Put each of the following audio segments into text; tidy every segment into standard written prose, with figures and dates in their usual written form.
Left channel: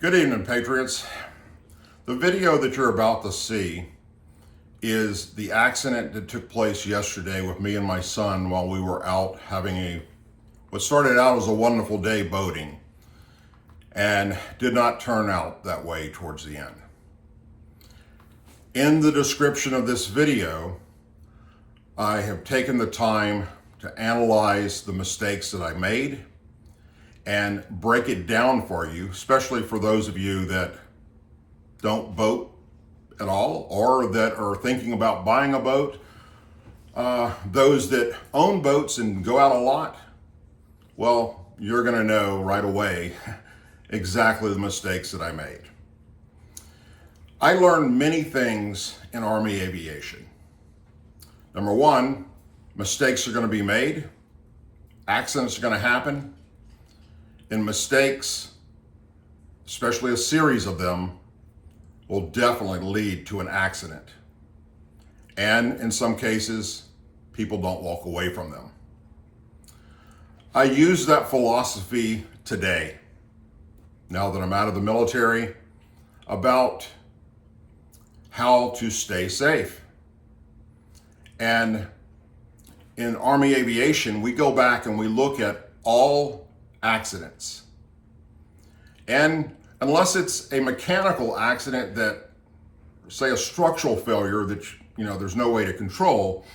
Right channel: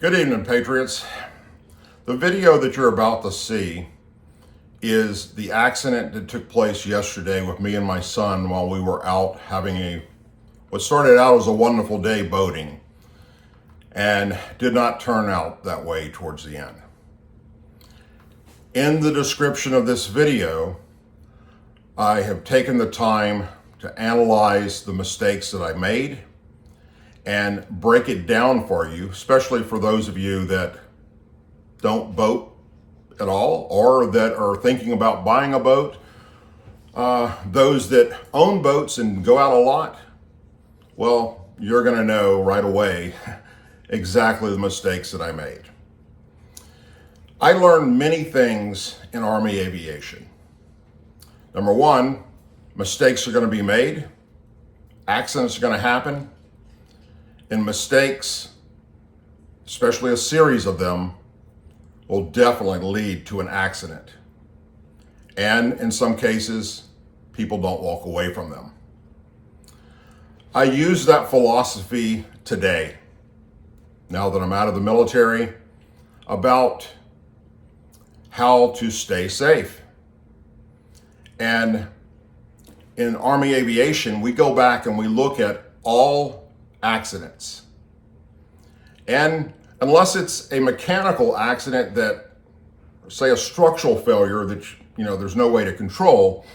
Good evening, Patriots. The video that you're about to see is the accident that took place yesterday with me and my son while we were out having what started out as a wonderful day boating and did not turn out that way towards the end. In the description of this video, I have taken the time to analyze the mistakes that I made and break it down for you, especially for those of you that don't boat at all or that are thinking about buying a boat. Those that own boats and go out a lot, well, you're gonna know right away exactly the mistakes that I made. I learned many things in Army aviation. Number one, mistakes are gonna be made, accidents are gonna happen, and mistakes, especially a series of them, will definitely lead to an accident. And in some cases, people don't walk away from them. I use that philosophy today, now that I'm out of the military, about how to stay safe. And in Army aviation, we go back and we look at all accidents. And unless it's a mechanical accident that, say, a structural failure that there's no way to control,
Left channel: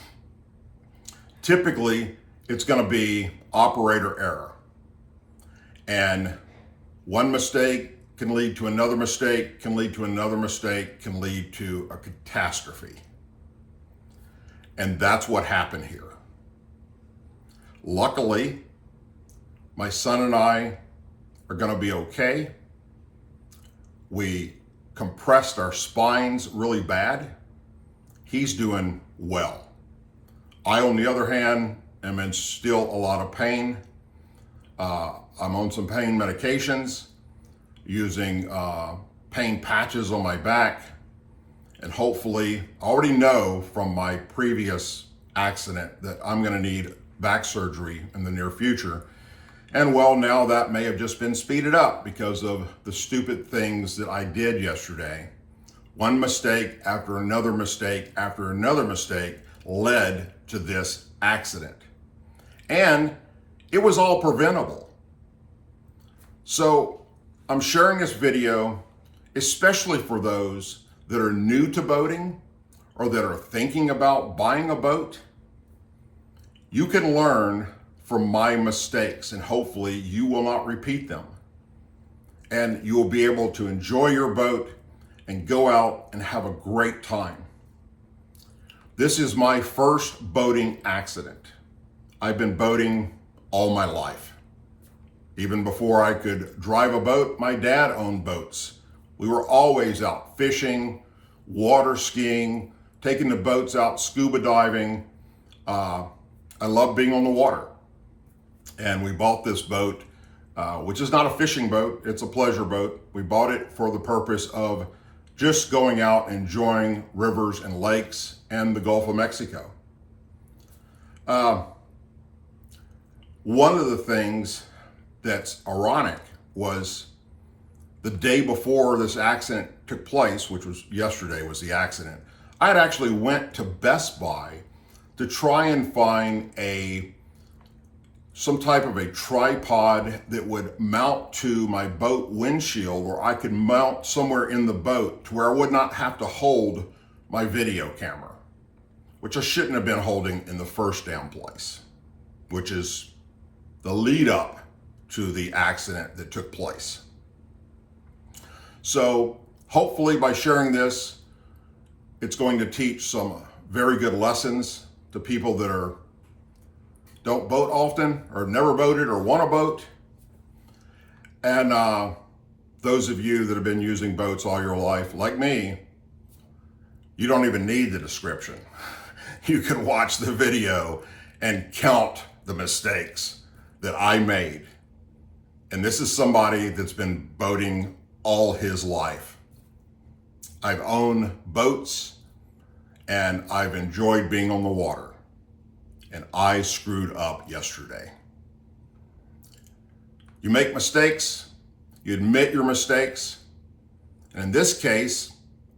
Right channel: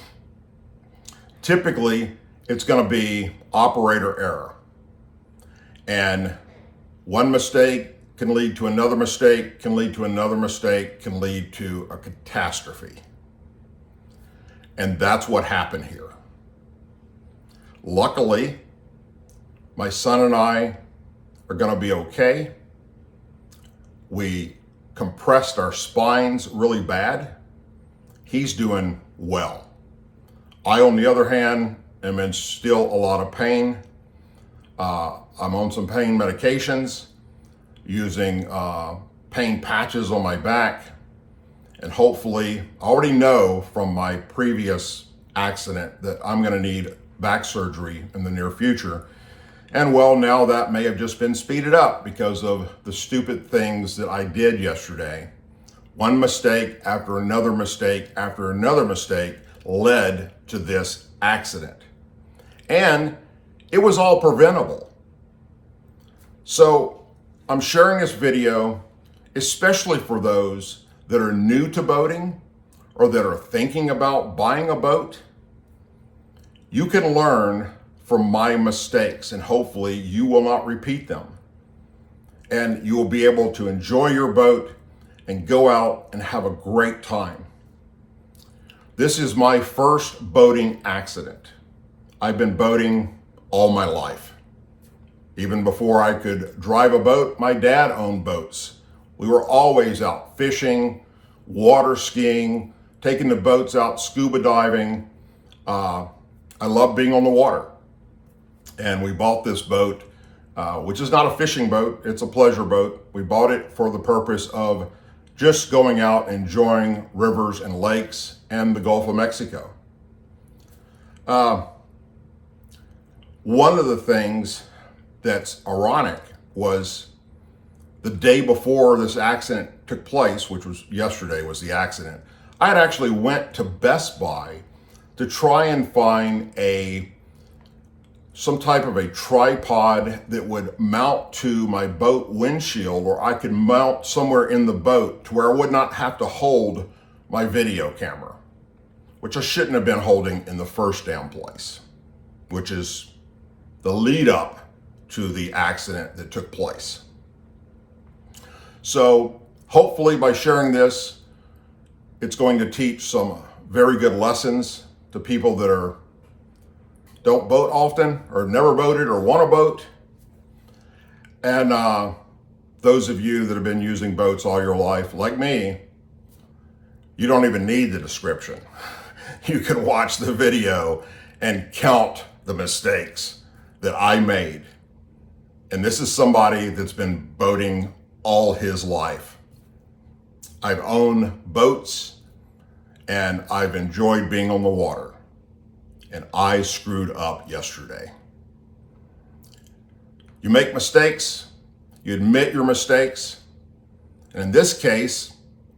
typically it's going to be operator error. And one mistake can lead to another mistake, can lead to another mistake, can lead to a catastrophe. And that's what happened here. Luckily, my son and I are going to be okay. We compressed our spines really bad. He's doing well. I, on the other hand, am in still a lot of pain. I'm on some pain medications, using pain patches on my back, and hopefully, I already know from my previous accident that I'm going to need back surgery in the near future. And well, now that may have just been speeded up because of the stupid things that I did yesterday. One mistake after another mistake after another mistake led to this accident. And it was all preventable. So I'm sharing this video, especially for those that are new to boating or that are thinking about buying a boat. You can learn from my mistakes, and hopefully you will not repeat them. And you will be able to enjoy your boat and go out and have a great time. This is my first boating accident. I've been boating all my life. Even before I could drive a boat, my dad owned boats. We were always out fishing, water skiing, taking the boats out scuba diving. I love being on the water. And we bought this boat, which is not a fishing boat, it's a pleasure boat. We bought it for the purpose of just going out, enjoying rivers and lakes and the Gulf of Mexico. One of the things that's ironic was the day before this accident took place, which was yesterday was the accident, I had actually went to Best Buy to try and find some type of a tripod that would mount to my boat windshield, where I could mount somewhere in the boat to where I would not have to hold my video camera, which I shouldn't have been holding in the first damn place, which is the lead up to the accident that took place. So hopefully by sharing this, it's going to teach some very good lessons to people that don't boat often or never boated or want to boat. And those of you that have been using boats all your life, like me, you don't even need the description. You can watch the video and count the mistakes that I made. And this is somebody that's been boating all his life. I've owned boats and I've enjoyed being on the water. And I screwed up yesterday. You make mistakes, you admit your mistakes. And in this case,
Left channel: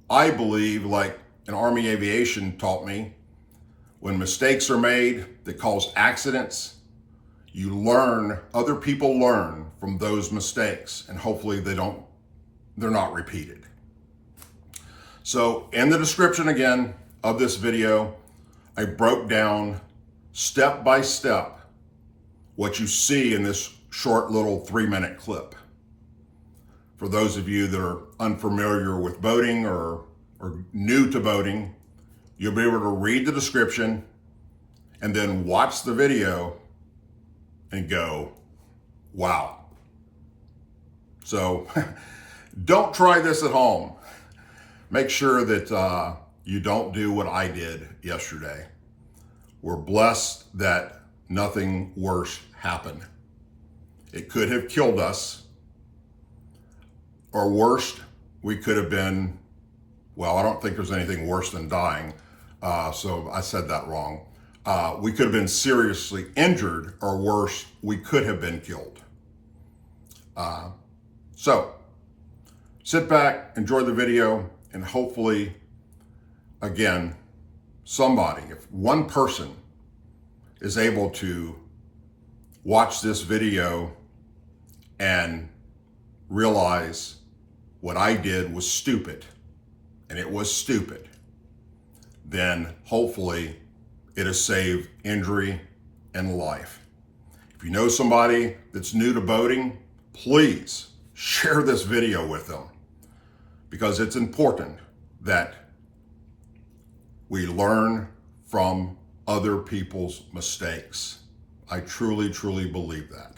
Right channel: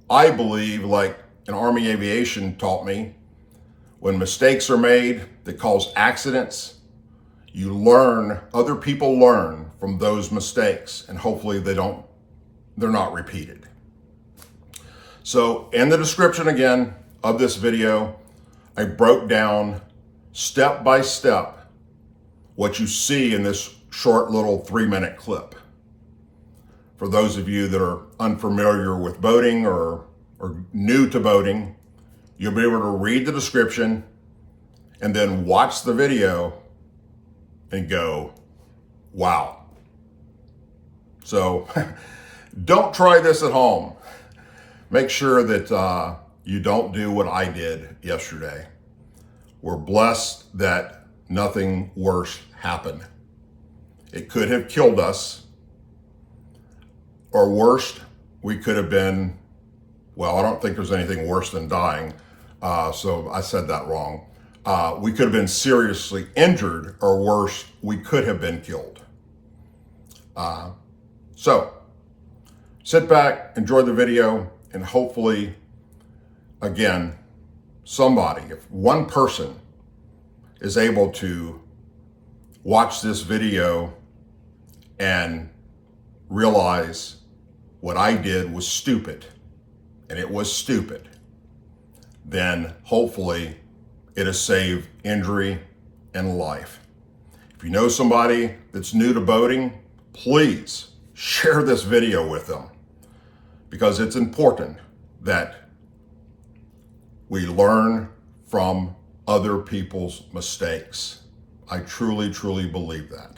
I believe, like an Army aviation taught me, when mistakes are made that cause accidents, you learn, other people learn from those mistakes, and hopefully they're not repeated. So in the description again of this video, I broke down step by step what you see in this short little 3-minute clip. For those of you that are unfamiliar with boating or new to boating, you'll be able to read the description and then watch the video and go, wow. So don't try this at home. Make sure that you don't do what I did yesterday. We're blessed that nothing worse happened. It could have killed us, or worse, we could have been, well, I don't think there's anything worse than dying, so I said that wrong. We could have been seriously injured, or worse, we could have been killed. So sit back, enjoy the video, and hopefully, again, somebody, if one person is able to watch this video and realize what I did was stupid, and it was stupid, then hopefully it has saved injury and life. If you know somebody that's new to boating, please share this video with them, because it's important that we learn from other people's mistakes. I truly, truly believe that.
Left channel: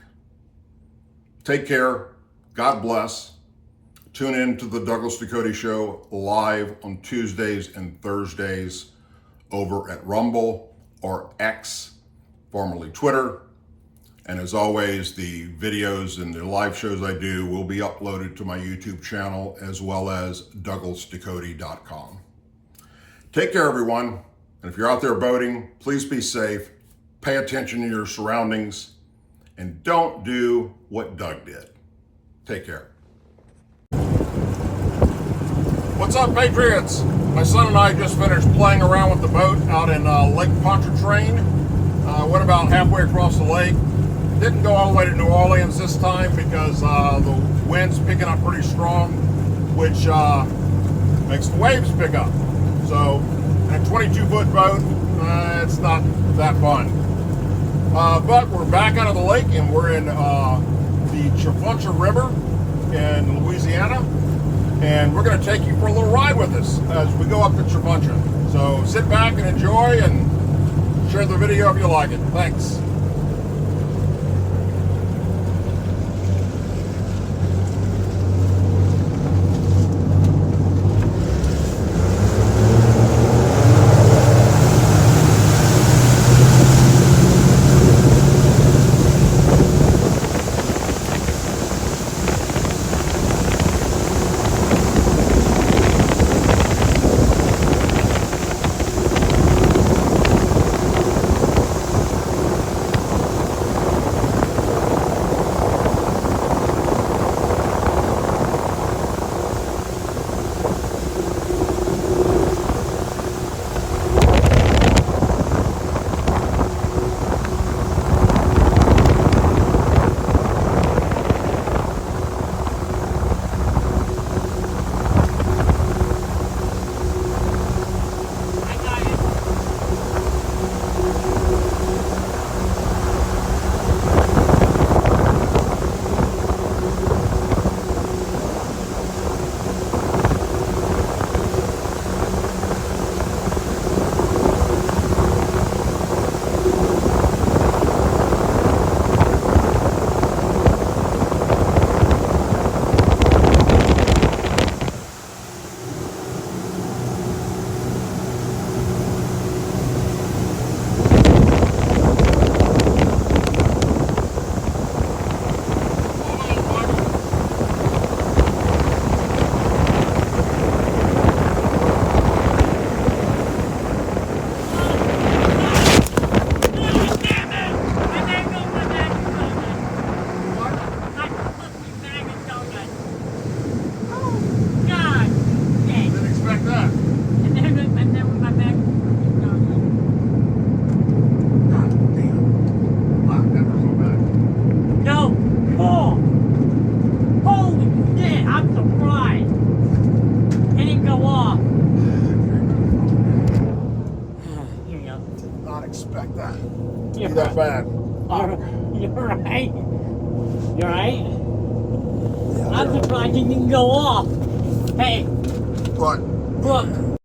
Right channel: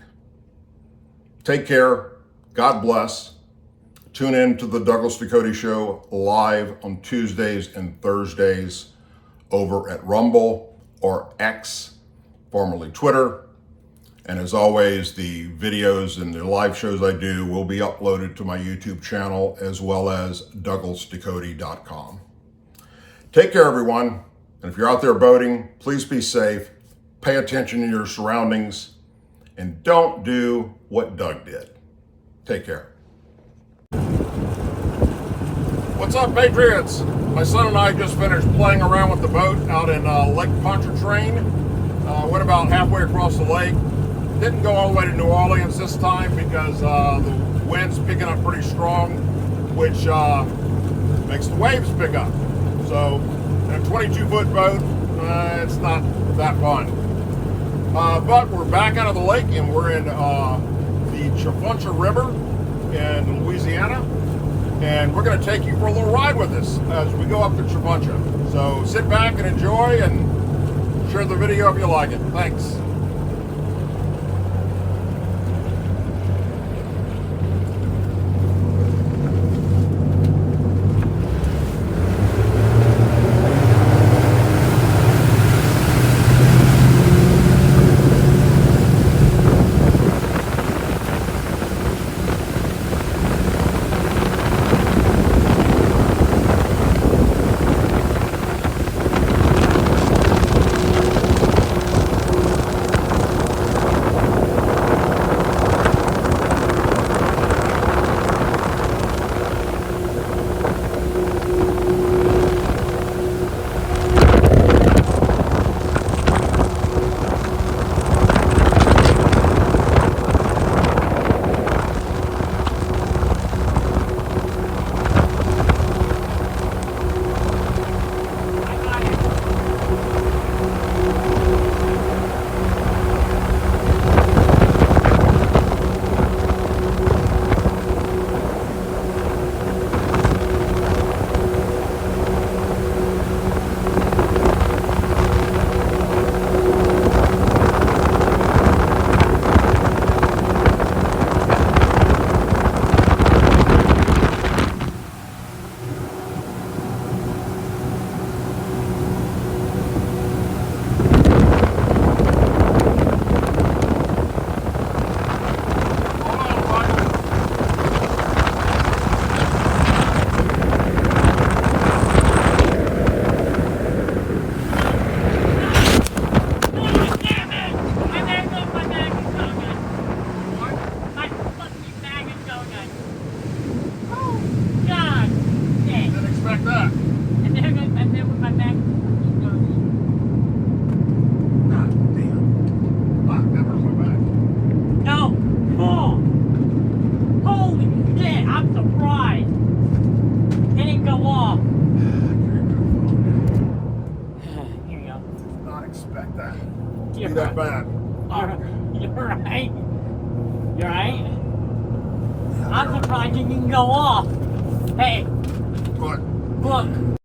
Take care. God bless. Tune in to the Douglas Ducote Show live on Tuesdays and Thursdays over at Rumble or X, formerly Twitter. And as always, the videos and the live shows I do will be uploaded to my YouTube channel, as well as douglasducote.com. Take care, everyone. And if you're out there boating, please be safe, pay attention to your surroundings, and don't do what Doug did. Take care. What's up, Patriots? My son and I just finished playing around with the boat out in Lake Pontchartrain. Went about halfway across the lake. Didn't go all the way to New Orleans this time because the wind's picking up pretty strong, which makes the waves pick up. So in a 22-foot boat, it's not that fun. But we're back out of the lake, and we're in the Chafuncha River in Louisiana, and we're going to take you for a little ride with us as we go up the Chafuncha. So sit back and enjoy, and share the video if you like it. Thanks. Hey, you alright? Yeah, I'm surprised you didn't go off. Hey, What? look.